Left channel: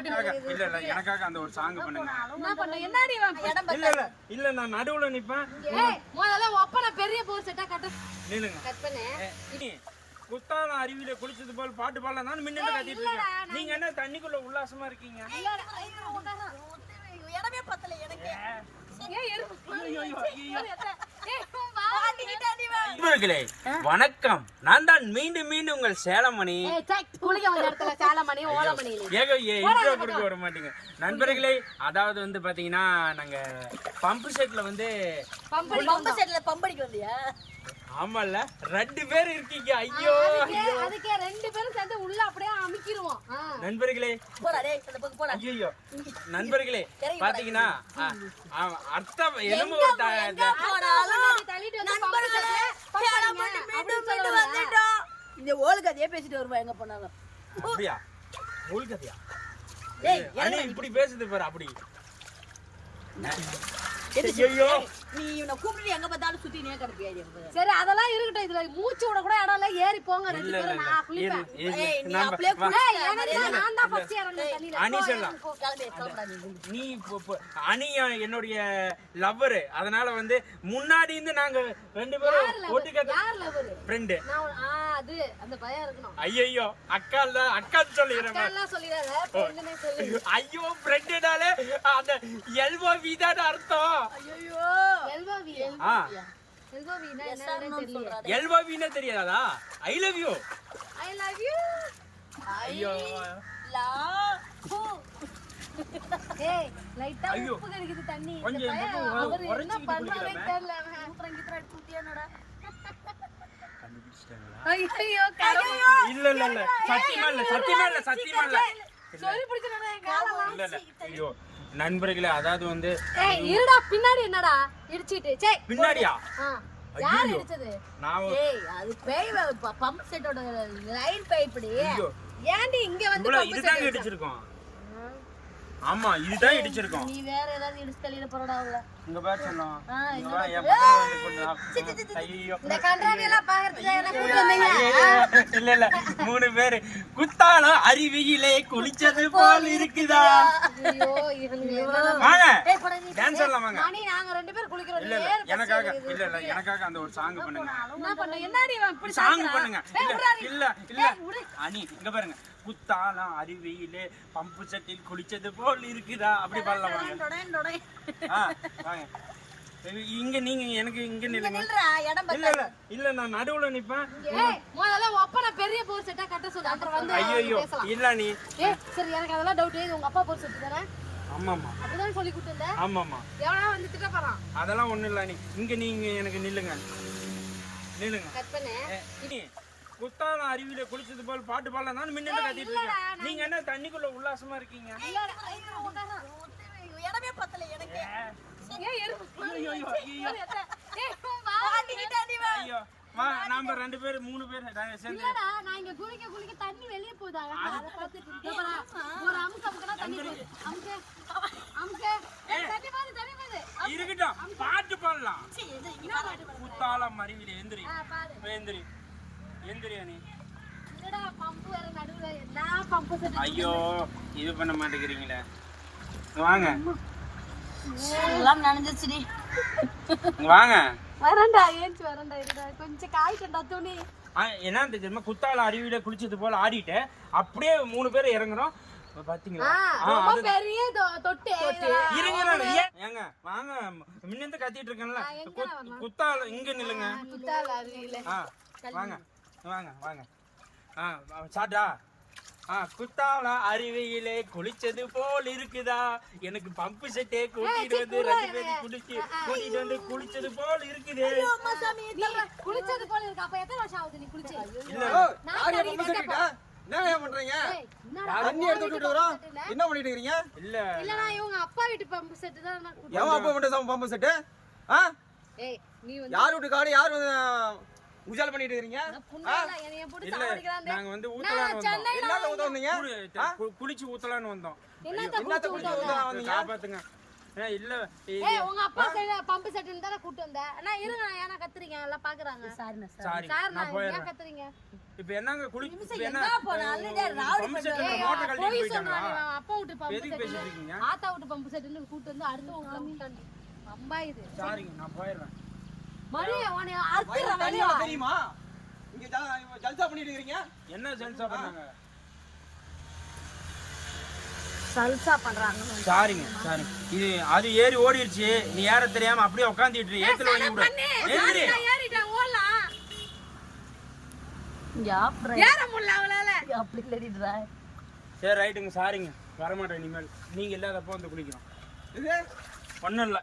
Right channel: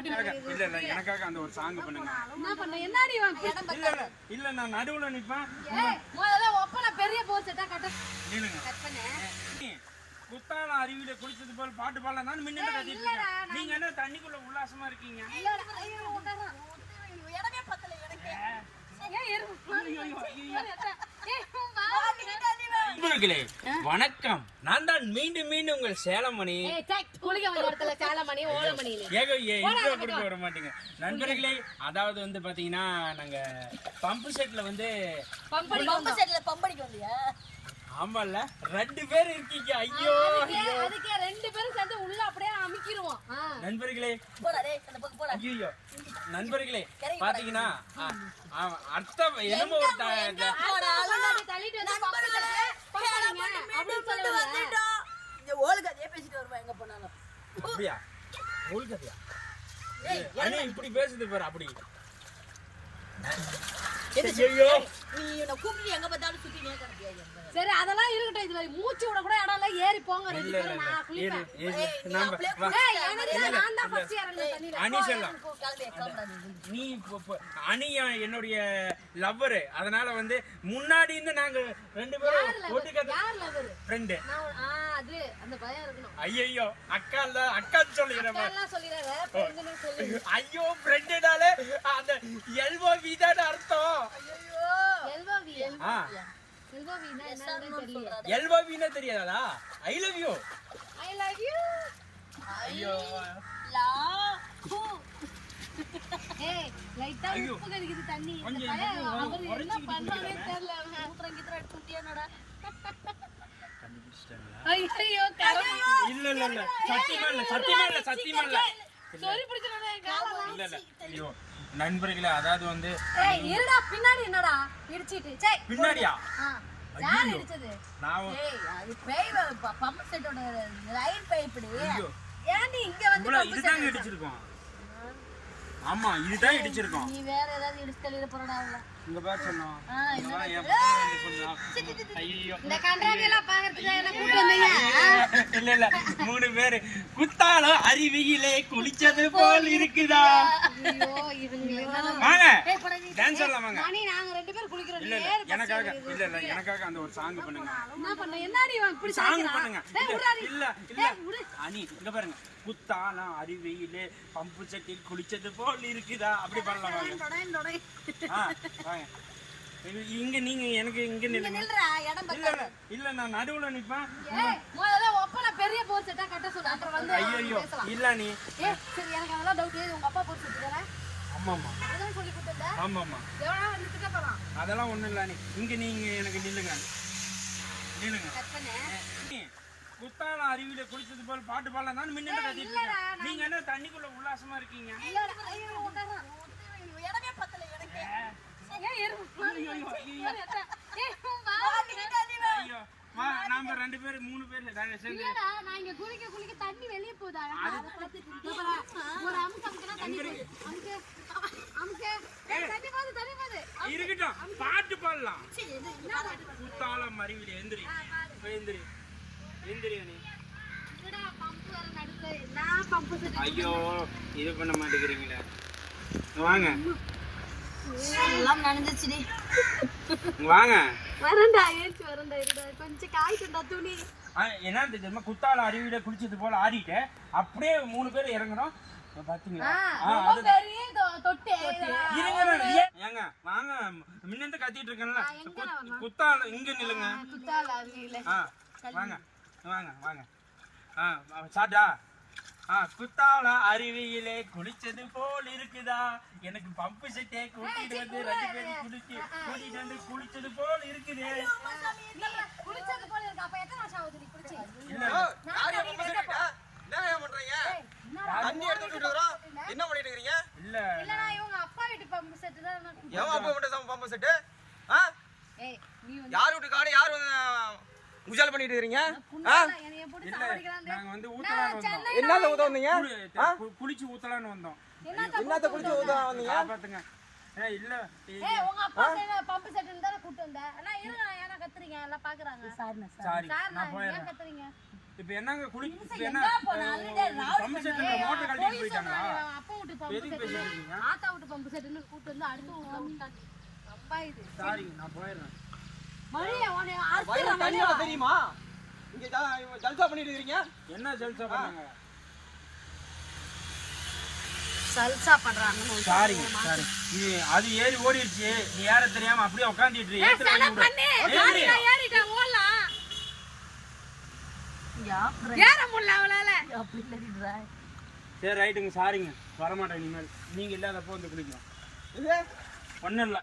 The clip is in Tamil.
எனக்காக- இல்ல இல்ல எனக்காக அந்த ஒரு சாங் பண்ணுங்க. என்ன பண்ண என்னடி இவன் இடம் இல்ல இல்ல இல்ல நான் நடுவுல நிப்பேன். முதல்ல ஒப்பன பெரிய போர் செட்டா கட்ட. நில்லுங்க. கட்டனே நீ குத்தால அருவியில குளிச்சது போல் பாட்டு பாடலாம் கத்திட்டு இருக்கேன் நீங்க என்ன தண்ணிக்குள்ள உல்லாசமா இருக்கீங்க? இடமே பத்தல எனக்கு ஏய் எறும்பு ஐயோ, ஐயோ, ஐயோ. ஏய் உன் வாய் நீட்டாடி வா நண்பர்களே வணக்கம். நான் தான் மீண்டும் மீண்டும் உங்கள் சேலமணி. ஏக இன்ட்ரோ கொடுக்க வர மாட்டீங்க. நண்பர்களே அதாவது வந்து பாத்தீங்கன்னா நாங்க பம்பு செட்ல வந்து ஆமால ரெண்டு பேர் இருக்கீங்க. ஐயோ அதுக்கே அதுக்கே ரெண்டு பேரும் சேர்ந்து உள்ள அப்படியே அமுக்கிடுவோம். நண்பர்களே போடா டேய் அந்த பக்கம் போடா. ஐயோ நண்பர்களே பாத்தீங்கன்னா அர்த்தம் என்னமோ ஒரு தள்ளிட்டு வந்து. இந்த ஓல் கதையே பேசிட்டு வருவா எங்க போனாலும் அப்படியா? டேய் அண்ணே இப்படி பேசுது பாரு அப்படி? ஐயோ நீ இவனை கூப்பிட்டு எங்க பார்த்தாலும் சுத்தி நீ கிடப்பியா எனக்கு? சரி அதெல்லாம் இருக்கட்டும். இதுல மூச்சு விட கூட இடம் இல்ல. ஏறி போங்க ரெண்டு இல்ல இல்ல பேரும். இல்ல நான் இரு, குளிப்பேன். இரு. ஏய், நீ நம்ம அப்படியே வா. ஏய் எனக்கு தான் நான் தான் ஃபர்ஸ்ட் இறங்குறேன் தண்ணில. அனி சொல்லலாம் போ, கிளம்பி கிளம்புடா நீ. நீ இப்போ- இப்போ அணி என்னுடைய லவ்வரு அதனால வந்து முன்னாடி இருந்து நாங்க ரெண்டு பேரும் யார் லவர் ஃப்ரெண்டு நான் உன்- ஆ அது அந்த பயம் இருக்கணும். ஐயோ அக்கா தான் அக்கா சொல்லிடுறேன் எல்லாம் சொல்லிடாத பொண்ணுனே சொல்லு. ஐயோ ஃப்ரெண்டுனாலே அந்த எல்வோ வீதான அர்த்தம். ஐயோ எல்வாவினா தெரியாதா? I love you I love you ஐயோ. லா ஹூ. ஏய் லைட்டா. உப்பு கடிக்குது தண்ணி. அவர் என்ன பண்றானே. தெரியல. மூத்திரம் கீத்திரம் எடுத்து விட்டியானடா? கண்டுபிடிச்சிட்டாங்களா? ஐயோ இல்ல இல்ல இல்ல. சத்தியமா இல்ல சத்தியமா இல்ல சத்தியமா இல்ல. சொல்லி பிடிச்சனே காலலாம் இல்ல இல்ல. ஐயோ. நண்பர்களே அதாவது வந்து ஏய் இருடா பின்னாடி என்னடா? இடிச்சிட்டு. சே பின்னாடியா? யார். இடிச்சது? நான் ஏய் அது பேய் பம்ப் செட்டோட லைன் பைப்டி ஏன்டி இங்க வந்து set இடிச்சிருக்கோம். ஆமா இதுதான் இடிச்சிருக்கோம். நீ வேற ஏதாவது இடிச்சு தள்ளிட போறடா அவள இங்க பாரு செல்லம். இங்க வா என் பக்கத்துல வந்து நாள் ஐயோ. இந்த கன்றாவி எல்லாம் பாக்குறதுக்கு என்ன கூட்டு வந்தீங்க? இல்ல இல்ல. மூணு பேரு. குத்தாலம் அருவியிலே குளிச்சது போல் இருக்குதா? வாங்க. டான்ஸ் ஆடலாம் வாங்க. மணி நாங்க ரெண்டு பேரும் குளிக்கிறோம். இல்ல இல்ல. எனக்காக இல்ல இல்ல. எனக்காக அந்த ஒரு சாங் பண்ணுங்க. என்ன பண்ண? என்னடி இவன் இப்படி சாங்? பண்ணுங்க. இல்ல. இல்ல அனி இங்க பாருங்க. குத்தாலம் அருவியிலே பம்பு சட்டில் குளிச்சது போல் இருக்குதா? அப்படி பாடலாம் வாங்க. வாங்க. இங்க நீங்க எனக்கு இங்க நில்றா இடம் இல்ல இல்ல இல்ல நான் நடுவுல நிப்பேன். முதல்ல ஒப்பனை பெரிய போர் செட்டா கட்ட சொல்லு அப்புறம் வந்து ஐயோ இல்ல நீ. சரி எனக்கு அதெல்லாம் டவுட் உங்க அப்பா போர் செட்டு தானே? ஆமாமா அப்படிதான் சொல்லி கொடுத்துருந்த. ஆமாமா எவனா வந்து திட்ட போறான்? அதெல்லாம் ஒண்ணும் இல்ல நீ. இங்க நீங்க எனக்கு நில்லுங்க. நில்லுங்க. கத்தனே. நீ குத்தாலம் அருவியில குளிச்சது போல் பாட்டு பாடலாம் நான் முன்னாடி கத்திட்டு நீங்க என்ன தண்ணிக்குள்ள உல்லாசமா இருக்கீங்க ஐயோ உட்கார்றா. இடமே பத்தல எனக்கு ஏய் எறும்பு ஐயோ ஐயோ. ஐயோ நாம ரெண்டு பேரும் மூணு பேர் சேர்ந்து. நான் இங்க குளிக்க குளிக்க தண்ணி வெளிய அதை ஒரு தண்ணி போகுது. தண்ணி தண்ணி இருக்கட்டும் பாட்டு பாடலாம். குத்தாலம் அருவியில எந்திரி. எந்திரி. எந்திரி செட்டு ஐயோ இது பண்ண மாட்டேங்கிறீங்களே. வாங்க. எல்லாம் நடந்துச்சுடி. இங்க வாங்க. வரண்டா ஏஞ்சி வரண்டா இருடா. கொஞ்சம் காய்க்கண்டா துணி. ஆ, என்ன தெரியுமா குத்தால அருவியில குளிச்சது போல ஆடிட்டு அப்படியே மூணு பேர் இறங்குறோம். பாத்தீங்களா? பெரிய தொட்டு இருங்க ஏங்க வாங்க. முன்னந்து கத்திட்டு இருக்கேன்ல. குத்- குத்தால இங்க நில்லுங்க. குத்தால வாங்க. வாங்க வாங்க. ஆ சாட்டா ஆ குத்தால அருவியிலே குளிச்சது போல் இருக்குதா? எனக்கு பம்பு செட்டே கூட்டிட்டு வந்து ரெண்டு பேரும் குளிச்சு கூட்டிட்டு வந்து குளிச்சது போல் இருக்குது. குளிச்சது போல இருக்கு? அப்ப எத்தனை வருஷம் ஆகுது நீ குளிச்சு? இல்ல நான். என்ன பண்றீங்க? தண்ணி பண்ணிட்டு இருக்கீங்க? இல்ல. இல்லடா இவங்க அப்பா வீட்டு பம்பு செட்டு தான் நான். எவன் அப்பா பம்பு செட்டு? ஆ? ஏய் நீ வந்து யார் வீட்டு காடு யார் உஜால் பண்ணிட்டு இருக்கீங்க இல்ல. நாங்க வந்து ஊத்தலான்னு வந்தோம். என்னத்த ஊத்த வந்தீங்க? குளிச்சு ஊத்தலான்னு வந்தோம். என்னத்த குளிச்சு குடிச்சு விட்டோம்? ஊத்த வந்தீங்க? காப்பாத்துங்க. இல்ல ஏய் உங்க அப்பா சைடு பம்பு செட்டுன்னு தானே கூட்டு வந்த அண்ணா இருங்க நான் ஏன்னா கத்துறீங்க? எல்லாம் பாக்குறாங்க. சார் சாரி சார் நான் நான் ஏன் கத்துறீங்க? இப்ப என்னங்க குளி இப்ப என்ன? பம்பு செட்ல மோட்டர் கழட்டிட்டு போய் போயிட்டாங்களா? சொன்னாங்க, அப்பா வீட்டு பம்பு எதுக்கு பேசிட்டு இருக்கீங்க? ஆத்தா வீட்டு பம்பு செட்டுன்னு கூட்டு வந்து அடுத்து உங்க விட்டாங்க அம்பா இது. சாரிங்க நான் போயிடுறேன். தெரியுமா? இங்க ஜல்சா பண்ணிட்டு இருக்கீங்க? என்ன ஜெல்சா பண்ணாங்க சல்சா பண்றாங்கன்னு சாரிங்க சாரி. இது அது ஏறி ஓடிடுச்சு. நீ ஏற தெரியாம அப்படியே உட்காந்துட்டு ஏத்துல வாங்கி விடு. ஏறி ஏறிட்டேன். ஓடலாம். இங்க ஆஃப் ஏற முடியல அவளால. அப்படி இல்லடிடா சரி ரைட்டுங்க சாரிங்க. வரமாட்டேன் இனிமேல். நீங்க இல்லாதப்போ வந்து குளிக்கிறோம். இது? ஒன்றும் இல்லை.